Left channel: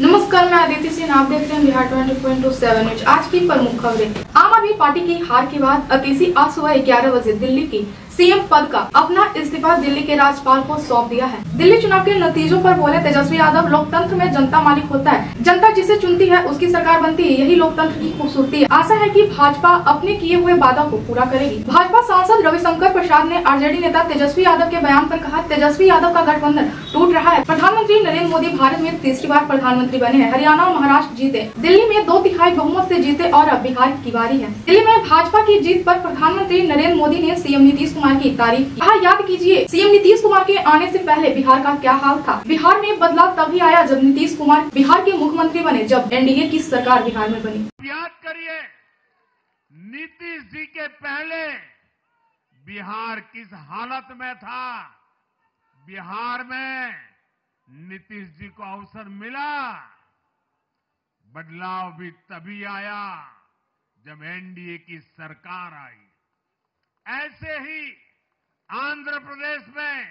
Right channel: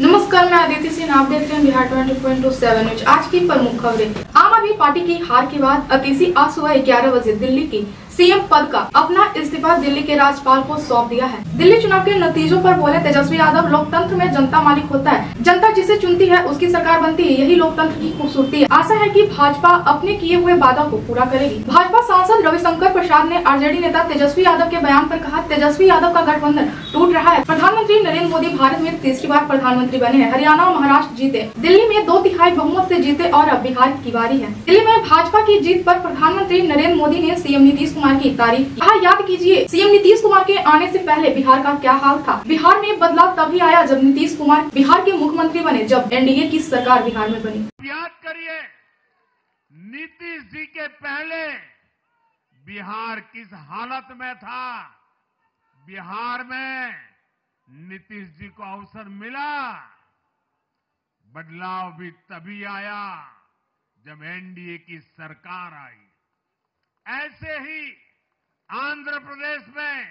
नमस्कार, मैं आदित्य सिंह। आप देख रहे हैं बिहार 20.7 न्यूज। आज की प्रमुख खबरें। आम आदमी पार्टी की हार के बाद अतीसी आज सुबह 11 बजे दिल्ली के सीएम पद का अपना इस्तीफा दिल्ली के राज्यपाल को सौंप दिया है। दिल्ली चुनाव के नतीजों पर बोले तेजस्वी यादव, लोकतंत्र में जनता मालिक होता है, जनता जिसे चुनती है उसकी सरकार बनती है, यही लोकतंत्र की खूबसूरती है। आशा है कि भाजपा अपने किए हुए वादों को पूरा करेगी। भाजपा सांसद रविशंकर प्रसाद ने आरजेडी नेता तेजस्वी यादव के बयान पर कहा, तेजस्वी यादव का गठबंधन टूट रहा है। प्रधानमंत्री नरेंद्र मोदी भारत में तीसरी बार प्रधानमंत्री बने हैं। हरियाणा और महाराष्ट्र जीते, दिल्ली में 2/3 बहुमत से जीते और अब बिहार की बारी है। दिल्ली में भाजपा की जीत पर प्रधानमंत्री नरेंद्र मोदी ने सीएम नीतीश कुमार की तारीफ की। याद कीजिए, सीएम नीतीश कुमार के आने से पहले बिहार का क्या हाल था। बिहार में बदलाव तभी आया जब नीतीश कुमार बिहार के मुख्यमंत्री बने, जब एनडीए की सरकार बिहार में बनी। याद करिए, नीतीश जी के पहले बिहार किस हालत में था। बिहार में नीतीश जी को अवसर मिला, बदलाव भी तभी आया जब एनडीए की सरकार आई। ऐसे ही आंध्र प्रदेश में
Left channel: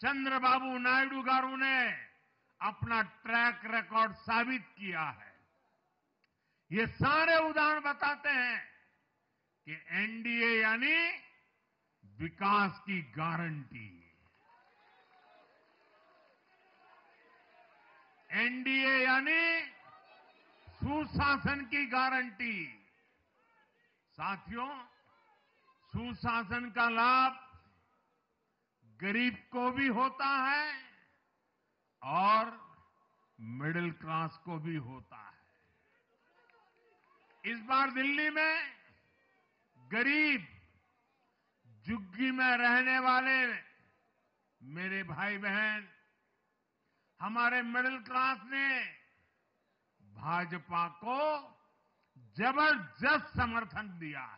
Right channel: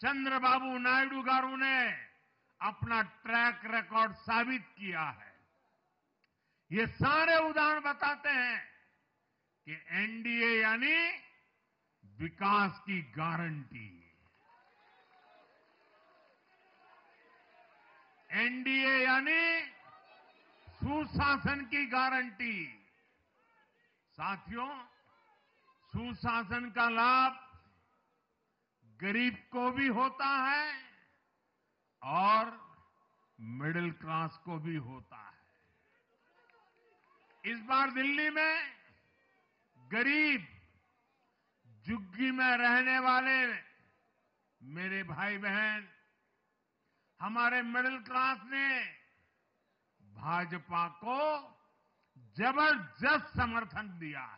चंद्रबाबू नायडू गारू ने अपना ट्रैक रिकॉर्ड साबित किया है। ये सारे उदाहरण बताते हैं कि एनडीए यानी विकास की गारंटी। एनडीए यानी सुशासन की गारंटी। साथियों, सुशासन का लाभ गरीब को भी होता है और मिडिल क्लास को भी होता है। इस बार दिल्ली में गरीब, झुग्गी में रहने वाले मेरे भाई बहन, हमारे मिडिल क्लास ने भाजपा को जबरदस्त समर्थन दिया है।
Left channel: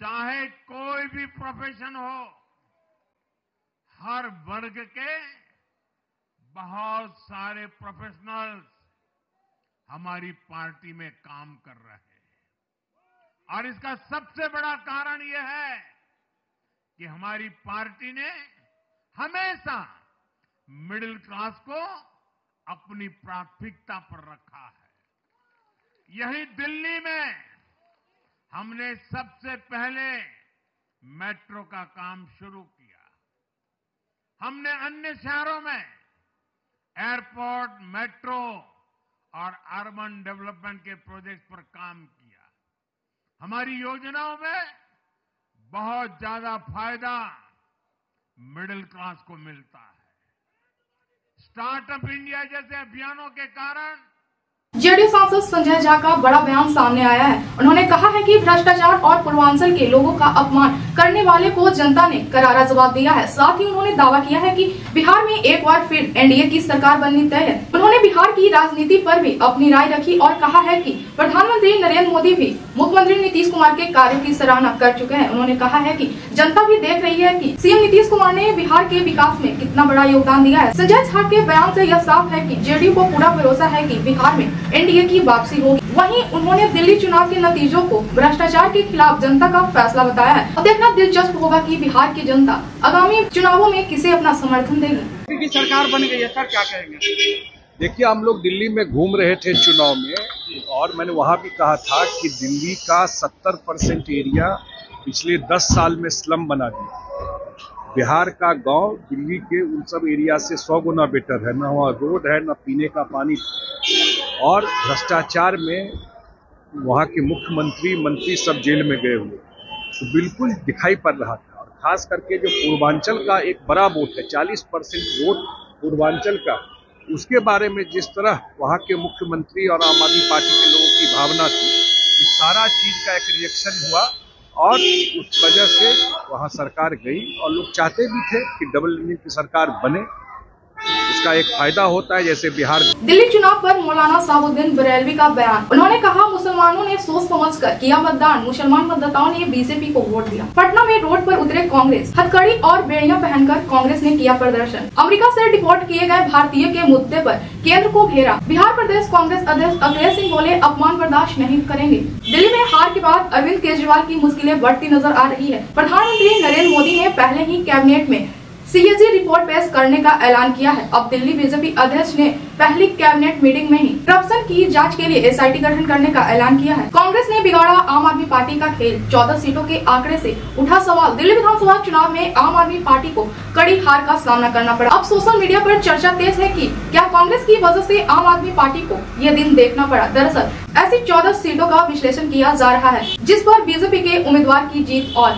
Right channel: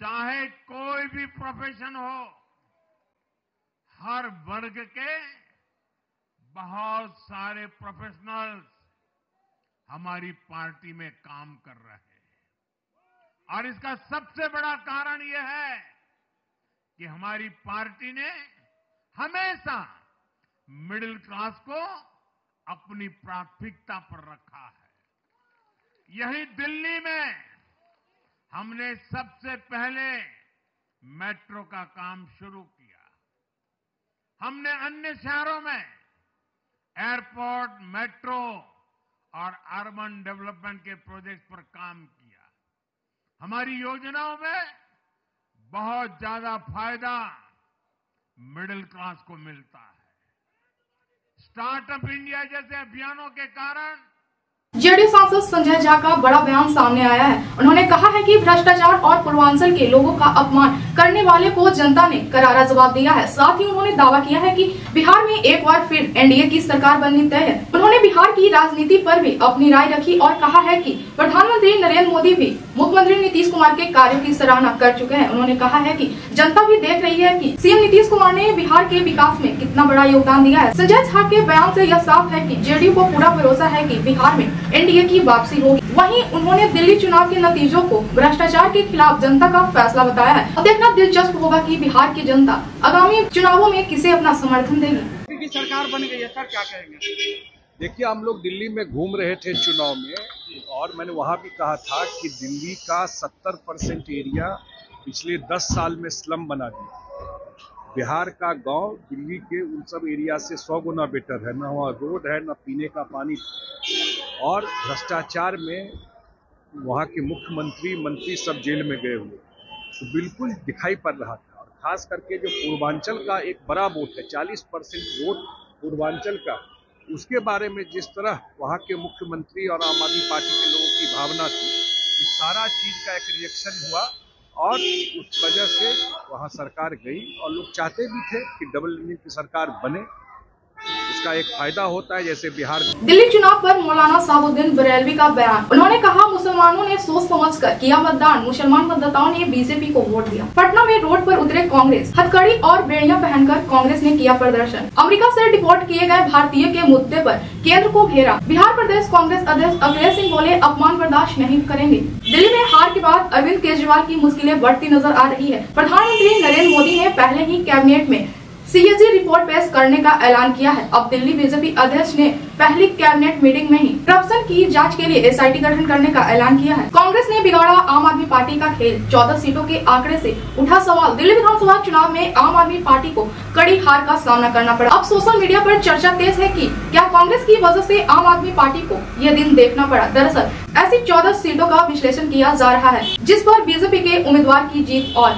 चाहे कोई भी प्रोफेशन हो, हर वर्ग के बहुत सारे प्रोफेशनल्स हमारी पार्टी में काम कर रहे हैं। और इसका सबसे बड़ा कारण यह है कि हमारी पार्टी ने हमेशा मिडिल क्लास को अपनी प्राथमिकता पर रखा है। यही दिल्ली में हमने सबसे पहले मेट्रो का काम शुरू किया। हमने अन्य शहरों में एयरपोर्ट, मेट्रो और अर्बन डेवलपमेंट के प्रोजेक्ट पर काम किया। हमारी योजनाओं में बहुत ज्यादा फायदा मिडिल क्लास को मिलता है। स्टार्टअप इंडिया जैसे अभियानों के कारण जेडीयू सांसद संजय झा का बड़ा बयान सामने आया है। उन्होंने कहा है कि भ्रष्टाचार और पूर्वांचल के लोगों का अपमान करने वाले को जनता ने करारा जवाब दिया है। साथ ही उन्होंने दावा किया है कि बिहार में एक बार फिर एनडीए की सरकार बननी तय है। उन्होंने बिहार की राजनीति पर भी अपनी राय रखी और कहा है कि प्रधानमंत्री नरेंद्र मोदी भी मुख्यमंत्री नीतीश कुमार के कार्यों की सराहना कर चुके हैं। उन्होंने कहा है कि जनता भी देख रही है कि सीएम नीतीश कुमार ने बिहार के विकास में कितना बड़ा योगदान दिया है। संजय झा के बयान से यह साफ है कि जेडीयू को पूरा भरोसा है कि बिहार में एनडीए की वापसी होगी। वहीं उन्होंने दिल्ली चुनाव के नतीजों को भ्रष्टाचार के खिलाफ जनता का फैसला बताया है। अब देखना दिलचस्प होगा कि बिहार की जनता आगामी चुनावों में किसे अपना समर्थन देगी। की सरकार बन गई है सर, क्या कहेंगे? देखिए, हम लोग दिल्ली में घूम रहे थे चुनाव में और मैंने वहाँ भी कहा था कि दिल्ली का 70% एरिया पिछले 10 साल में स्लम बना दिया। बिहार का गांव दिल्ली के उन सब एरिया से 100 गुना बेटर है। न वहाँ रोड है, न पीने का पानी। और भ्रष्टाचार में वहाँ के मुख्यमंत्री, मंत्री सब जेल में गए हुए, तो बिल्कुल दिखाई पड़ रहा था। और खास करके जो पूर्वांचल का एक बड़ा वोट है, 40% वोट पूर्वांचल का, उसके बारे में जिस तरह वहाँ के मुख्यमंत्री और आम आदमी पार्टी के लोगों की भावना थी, इस सारा चीज का एक रिएक्शन हुआ और उस वजह से वहाँ सरकार गई। और लोग चाहते भी थे कि डबल इंजन की सरकार बने, इसका एक फायदा होता है। जैसे बिहार दिल्ली चुनाव पर मौलाना साहुद्दीन बरेलवी का बयान। उन्होंने कहा, मुसलमानों ने सोच समझकर किया मतदान, मुसलमान मतदाताओं ने बीजेपी को वोट दिया। पटना में रोड पर उतरे कांग्रेस, हथकड़ी और बेड़ियां पहनकर कांग्रेस ने किया प्रदर्शन। अमेरिका से डिपोर्ट किए गए भारतीय के मुद्दे पर केंद्र को घेरा। बिहार प्रदेश कांग्रेस अध्यक्ष अखिलेश सिंह बोले, अपमान बर्दाश्त नहीं करेंगे। दिल्ली में हार के बाद अरविंद केजरीवाल की मुश्किलें बढ़ती नजर आ रही है। प्रधानमंत्री नरेंद्र मोदी ने पहले ही कैबिनेट में सीएजी रिपोर्ट पेश करने का ऐलान किया है। अब दिल्ली बीजेपी अध्यक्ष ने पहली कैबिनेट मीटिंग में ही करप्शन की जांच के लिए एसआईटी गठन करने का ऐलान किया है। कांग्रेस ने बिगाड़ा आम आदमी पार्टी का खेल, 14 सीटों के आंकड़े से उठा सवाल। दिल्ली विधानसभा चुनाव में आम आदमी पार्टी को कड़ी हार का सामना करना पड़ा। अब सोशल मीडिया पर चर्चा तेज है कि क्या कांग्रेस की वजह से आम आदमी पार्टी को यह दिन देखना पड़ा। दरअसल ऐसी 14 सीटों का विश्लेषण किया जा रहा है जिस पर बीजेपी के उम्मीदवार की जीत और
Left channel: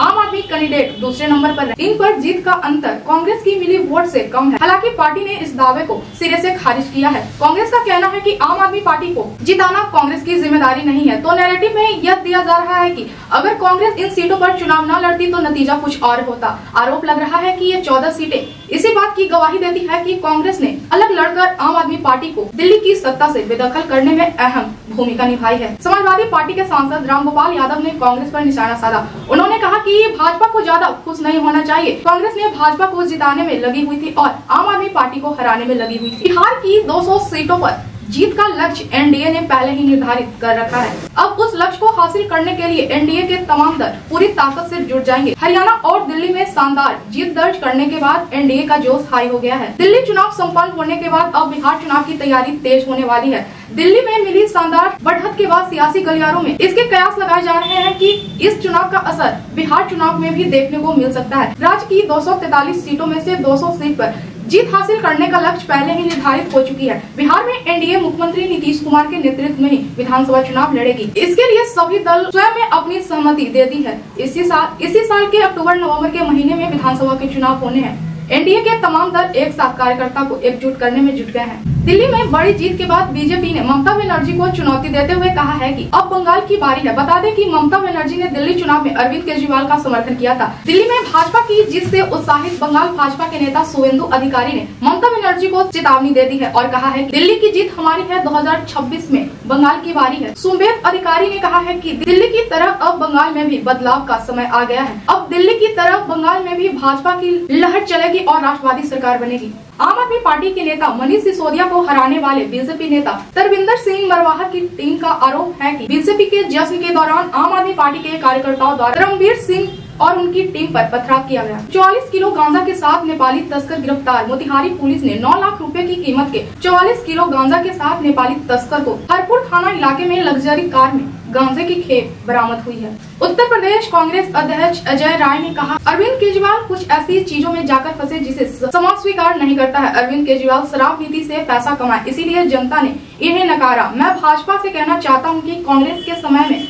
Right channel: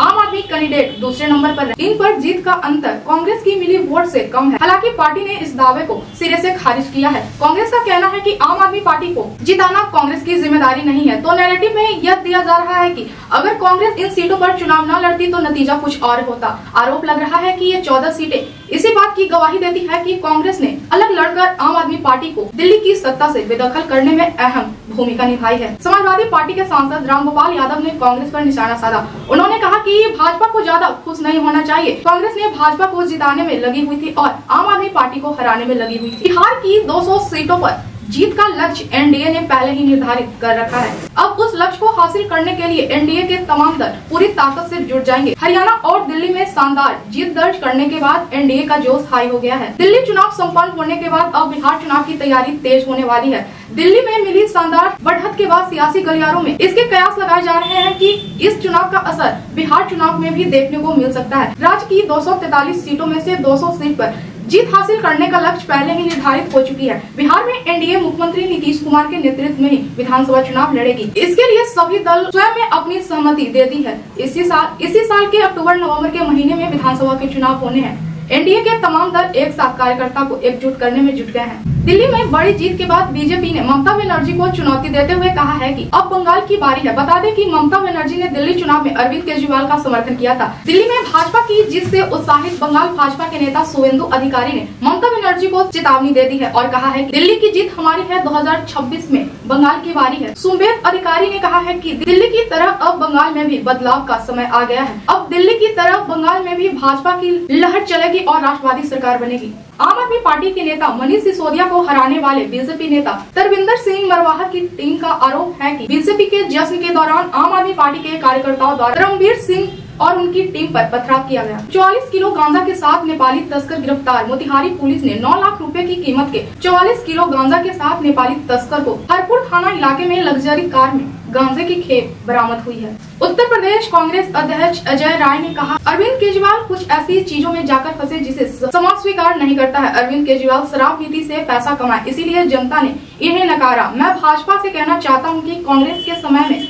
आम आदमी कैंडिडेट दूसरे नंबर पर है। इन पर जीत का अंतर कांग्रेस की मिली वोट से कम है। हालांकि पार्टी ने इस दावे को सिरे से खारिज किया है। कांग्रेस का कहना है कि आम आदमी पार्टी को जिताना कांग्रेस की जिम्मेदारी नहीं है। तो नैरेटिव में यह दिया जा रहा है कि अगर कांग्रेस इन सीटों पर चुनाव न लड़ती तो नतीजा कुछ और होता। आरोप लग रहा है कि ये 14 सीटें इसी बात की गवाही देती है कि कांग्रेस ने अलग लड़कर आम आदमी पार्टी को दिल्ली की सत्ता से बेदखल करने में अहम भूमिका निभाई है। समाजवादी पार्टी के सांसद रामगोपाल यादव ने कांग्रेस पर निशाना साधा। उन्होंने कहा कि भाजपा को ज्यादा खुश नहीं होना चाहिए। कांग्रेस ने भाजपा को जिताने में लगी हुई थी और आम आदमी पार्टी को हराने में लगी हुई थी। बिहार की 200 सीटों पर जीत का लक्ष्य एनडीए ने पहले ही निर्धारित कर रखा है। अब उस लक्ष्य को हासिल करने के लिए एनडीए के तमाम दल पूरी ताकत से जुट जाएंगे। हरियाणा और दिल्ली में शानदार जीत दर्ज करने के बाद एनडीए का जोश हाई हो गया है। दिल्ली चुनाव संपन्न होने के बाद अब बिहार चुनाव की तैयारी तेज होने वाली है। दिल्ली में मिली शानदार बढ़त के बाद सियासी गलियारों में इसके कयास लगाए जा रहे हैं कि इस चुनाव का असर बिहार चुनाव में भी देखने को मिल सकता है। राज्य की 243 सीटों में से 200 सीट पर जीत हासिल करने का लक्ष्य पहले ही निर्धारित हो चुकी है। बिहार में एनडीए मुख्यमंत्री नीतीश कुमार के नेतृत्व में ही विधानसभा चुनाव लड़ेगी। इसके लिए सभी दल स्वयं में अपनी सहमति दे दी है। इसी साल के अक्टूबर नवंबर के महीने में विधानसभा के चुनाव होने हैं। एनडीए के तमाम दल एक साथ कार्यकर्ता को एकजुट करने में जुट गए हैं। दिल्ली में बड़ी जीत के बाद बीजेपी ने ममता बनर्जी को चुनौती देते हुए कहा है कि अब बंगाल की बारी है। बता दें कि ममता बनर्जी ने दिल्ली चुनाव में अरविंद केजरीवाल का समर्थन किया था। दिल्ली में भाजपा की जीत से उत्साहित बंगाल भाजपा के नेता शुवेंदु अधिकारी ने ममता बनर्जी को चेतावनी दे दी है और कहा है कि दिल्ली की जीत हमारी है, 2026 में बंगाल की बारी है। शुवेंदु अधिकारी ने कहा है कि दिल्ली की तरफ अब बंगाल में भी बदलाव का समय आ गया है। अब दिल्ली की तरफ बंगाल में भी भाजपा की लहर चलेगी और राष्ट्रवादी सरकार बनेगी। आम आदमी पार्टी के नेता मनीष सिसोदिया को हराने वाले बीजेपी नेता तरविंदर सिंह मरवाहा की टीम का आरोप है कि बीजेपी के जश्न के दौरान आम आदमी पार्टी के कार्यकर्ताओं द्वारा धर्मवीर सिंह और उनकी टीम पर पथराव किया गया। 44 किलो गांजा के साथ नेपाली तस्कर गिरफ्तार। मोतिहारी पुलिस ने 9 लाख रुपए की कीमत के 44 किलो गांजा के साथ नेपाली तस्कर को हरपुर थाना इलाके में लग्जरी कार में गांजे की खेप बरामद हुई है। उत्तर प्रदेश कांग्रेस अध्यक्ष अजय राय ने कहा, अरविंद केजरीवाल कुछ ऐसी चीजों में जाकर फंसे जिसे समाज स्वीकार नहीं करता है। अरविंद केजरीवाल शराब नीति से पैसा कमाए, इसीलिए जनता ने इन्हें नकारा। मैं भाजपा से कहना चाहता हूँ कि कांग्रेस के समय में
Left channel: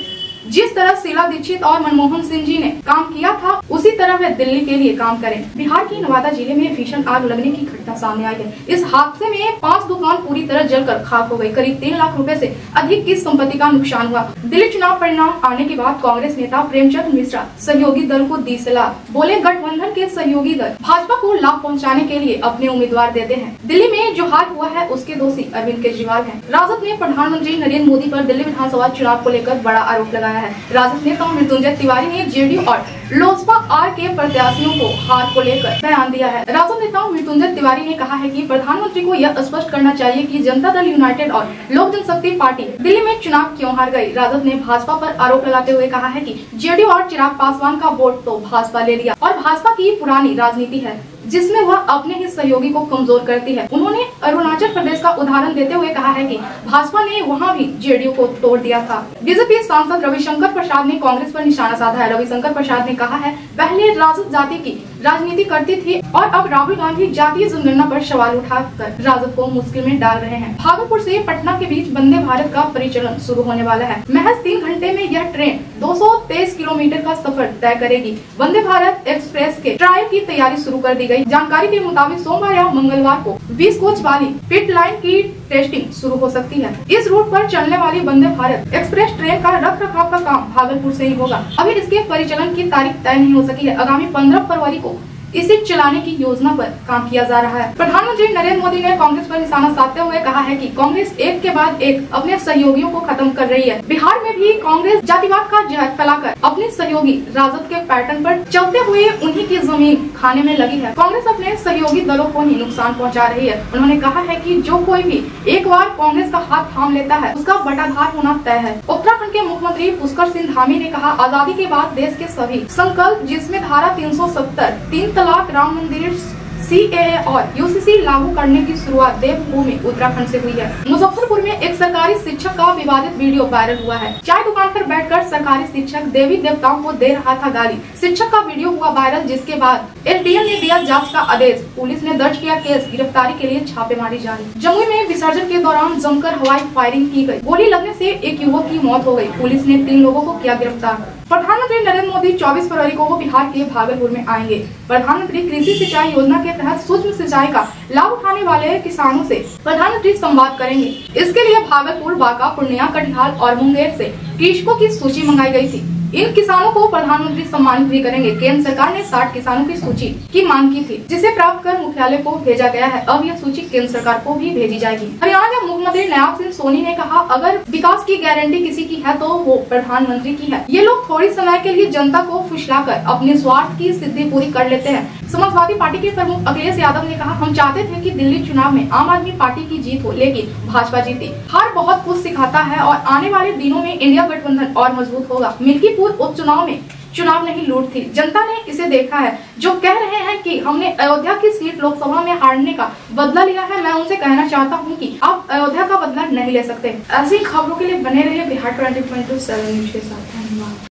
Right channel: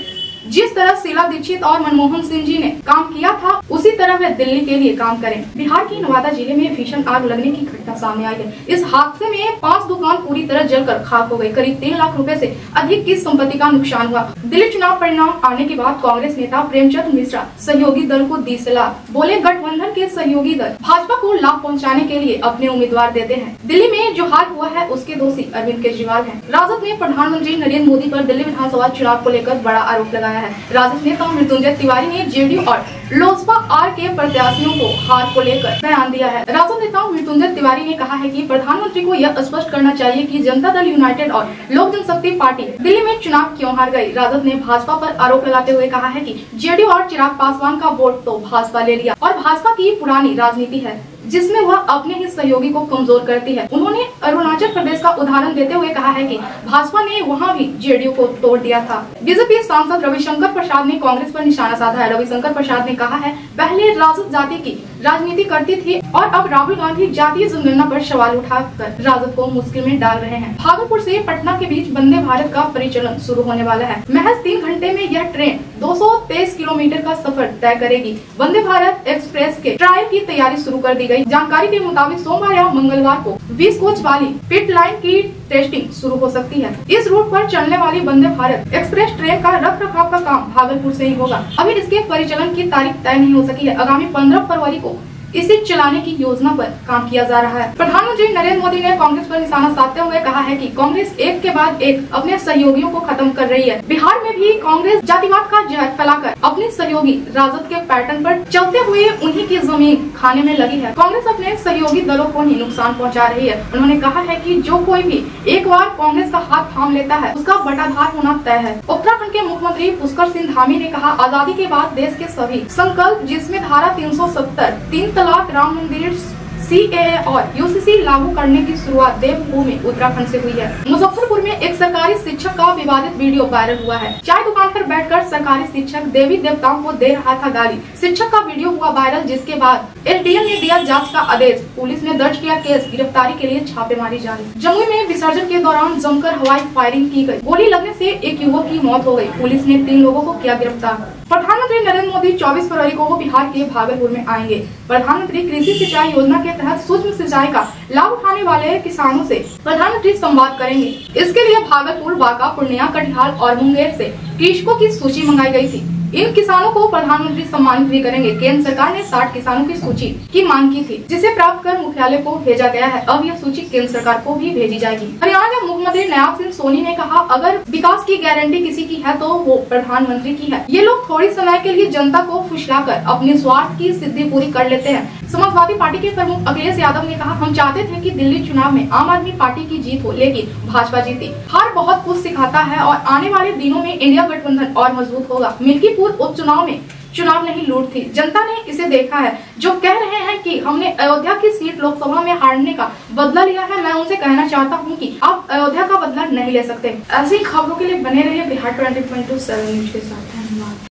जिस तरह शीला दीक्षित और मनमोहन सिंह जी ने काम किया था उसी तरह वे दिल्ली के लिए काम करें। बिहार के नवादा जिले में भीषण आग लगने की घटना सामने आई है। इस हादसे में 5 दुकान पूरी तरह जलकर खाक हो गई। करीब 3 लाख रुपए से अधिक की संपत्ति का नुकसान हुआ। दिल्ली चुनाव परिणाम आने के बाद कांग्रेस नेता प्रेमचंद मिश्रा सहयोगी दल को दी सलाह। बोले, गठबंधन के सहयोगी दल भाजपा को लाभ पहुँचाने के लिए अपने उम्मीदवार देते हैं। दिल्ली में जो हाल हुआ है उसके दोषी अरविंद केजरीवाल है। राजद ने प्रधानमंत्री नरेंद्र मोदी पर दिल्ली विधानसभा चुनाव को लेकर बड़ा आरोप लगाया है। राजद नेता मृत्युंजय तिवारी ने जेडीयू और लोजपा आर के प्रत्याशियों को हार को लेकर बयान दिया है। राजद नेता मृत्युंजय तिवारी ने कहा है कि प्रधानमंत्री को यह स्पष्ट करना चाहिए कि जनता दल यूनाइटेड और लोक जनशक्ति पार्टी दिल्ली में चुनाव क्यों हार गई। राजद ने भाजपा पर आरोप लगाते हुए कहा है कि जेडीयू और चिराग पासवान का वोट तो भाजपा ने लिया और भाजपा की पुरानी राजनीति है जिसमें वह अपने ही सहयोगी को कमजोर करती है। उन्होंने अरुणाचल प्रदेश का उदाहरण देते हुए कहा है कि भाजपा ने वहां भी जेडीयू को तोड़ दिया था। बीजेपी सांसद रविशंकर प्रसाद ने कांग्रेस पर निशाना साधा है। रविशंकर प्रसाद ने कहा है, पहले राजद जाति की राजनीति करती थी और अब राहुल गांधी जातीय जनगणना पर सवाल उठाकर राजद को मुश्किल में डाल रहे हैं। भागलपुर से पटना के बीच वंदे भारत का परिचालन शुरू होने वाला है। महज 3 घंटे में यह ट्रेन 223 किलोमीटर का सफर तय करेगी। वंदे भारत एक्सप्रेस के ट्रायल की तैयारी शुरू कर दी गई। जानकारी के मुताबिक सोमवार या मंगलवार को 20 कोच वाली पिट लाइन की टेस्टिंग शुरू हो सकती है। इस रूट पर चलने वाली वंदे भारत एक्सप्रेस ट्रेन का रखरखाव का काम भागलपुर से ही होगा। अभी इसके परिचालन की तारीख तय नहीं हो सकी है। आगामी 15 फरवरी को इसे चलाने की योजना पर काम किया जा रहा है। प्रधानमंत्री नरेंद्र मोदी ने कांग्रेस पर निशाना साधते हुए कहा है कि कांग्रेस एक के बाद एक अपने सहयोगियों को खत्म कर रही है। बिहार में भी कांग्रेस जातिवाद का जहर फैलाकर अपने सहयोगी राजद के पैटर्न पर चलते हुए उन्हीं की जमीन खाने में लगी है। कांग्रेस अपने सहयोगी दलों को ही नुकसान पहुंचा रही है। उन्होंने कहा है कि जो कोई भी एक बार कांग्रेस का हाथ थाम लेता है उसका बटाधार होना तय है। उत्तराखंड के मुख्यमंत्री पुष्कर सिंह धामी ने कहा, आजादी के बाद देश के सभी संकल्प जिसमें धारा 370 3 तलाक तलाक, राम मंदिर, CAA और UCC लागू करने की शुरुआत देवभूमि उत्तराखंड से हुई है। मुजफ्फरपुर में एक सरकारी शिक्षक का विवादित वीडियो वायरल हुआ है। चाय दुकान पर बैठकर सरकारी शिक्षक देवी देवताओं को दे रहा था गाली। शिक्षक का वीडियो हुआ वायरल, जिसके बाद LTL ने दिया जांच का आदेश। पुलिस ने दर्ज किया केस, गिरफ्तारी के लिए छापेमारी जारी। जमुई में विसर्जन के दौरान जमकर हवाई फायरिंग की गई। गोली लगने से एक युवक की मौत हो गई। पुलिस ने 3 लोगों को किया गिरफ्तार। प्रधानमंत्री नरेंद्र मोदी 24 फरवरी को बिहार के भागलपुर में आएंगे। प्रधानमंत्री कृषि सिंचाई योजना के तहत सूक्ष्म सिंचाई का लाभ उठाने वाले किसानों से प्रधानमंत्री संवाद करेंगे। इसके लिए भागलपुर, बांका, पूर्णिया, कटिहार और मुंगेर से कृषकों की सूची मंगाई गई थी। इन किसानों को प्रधानमंत्री सम्मानित भी करेंगे। केंद्र सरकार ने 60 किसानों की सूची की मांग की थी, जिसे प्राप्त कर मुख्यालय को भेजा गया है। अब ये सूची केंद्र सरकार को भी भेजी जाएगी। हरियाणा के मुख्यमंत्री नयाब सिंह सोनी ने कहा, अगर विकास की गारंटी किसी की है तो वो प्रधानमंत्री की है। ये लोग थोड़ी समय के लिए जनता को फुसलाकर अपने स्वार्थ की सिद्धि पूरी कर लेते हैं। समाजवादी पार्टी के प्रमुख अखिलेश यादव ने कहा, हम चाहते थे कि दिल्ली चुनाव में आम आदमी पार्टी की जीत हो, लेकिन भाजपा जीती। हार बहुत कुछ सिखाता है और आने वाले दिनों में इंडिया गठबंधन और मजबूत होगा। मिल्कीपुर उपचुनाव में चुनाव नहीं लूट थी, जनता ने इसे देखा है। जो कह रहे हैं कि हमने अयोध्या की सीट लोकसभा में हारने का बदला लिया है, मैं उनसे कहना चाहता हूं कि आप अयोध्या का बदला नहीं ले सकते। ऐसी खबरों के लिए बने रहिए बिहार 20.7 न्यूज के साथ। धन्यवाद।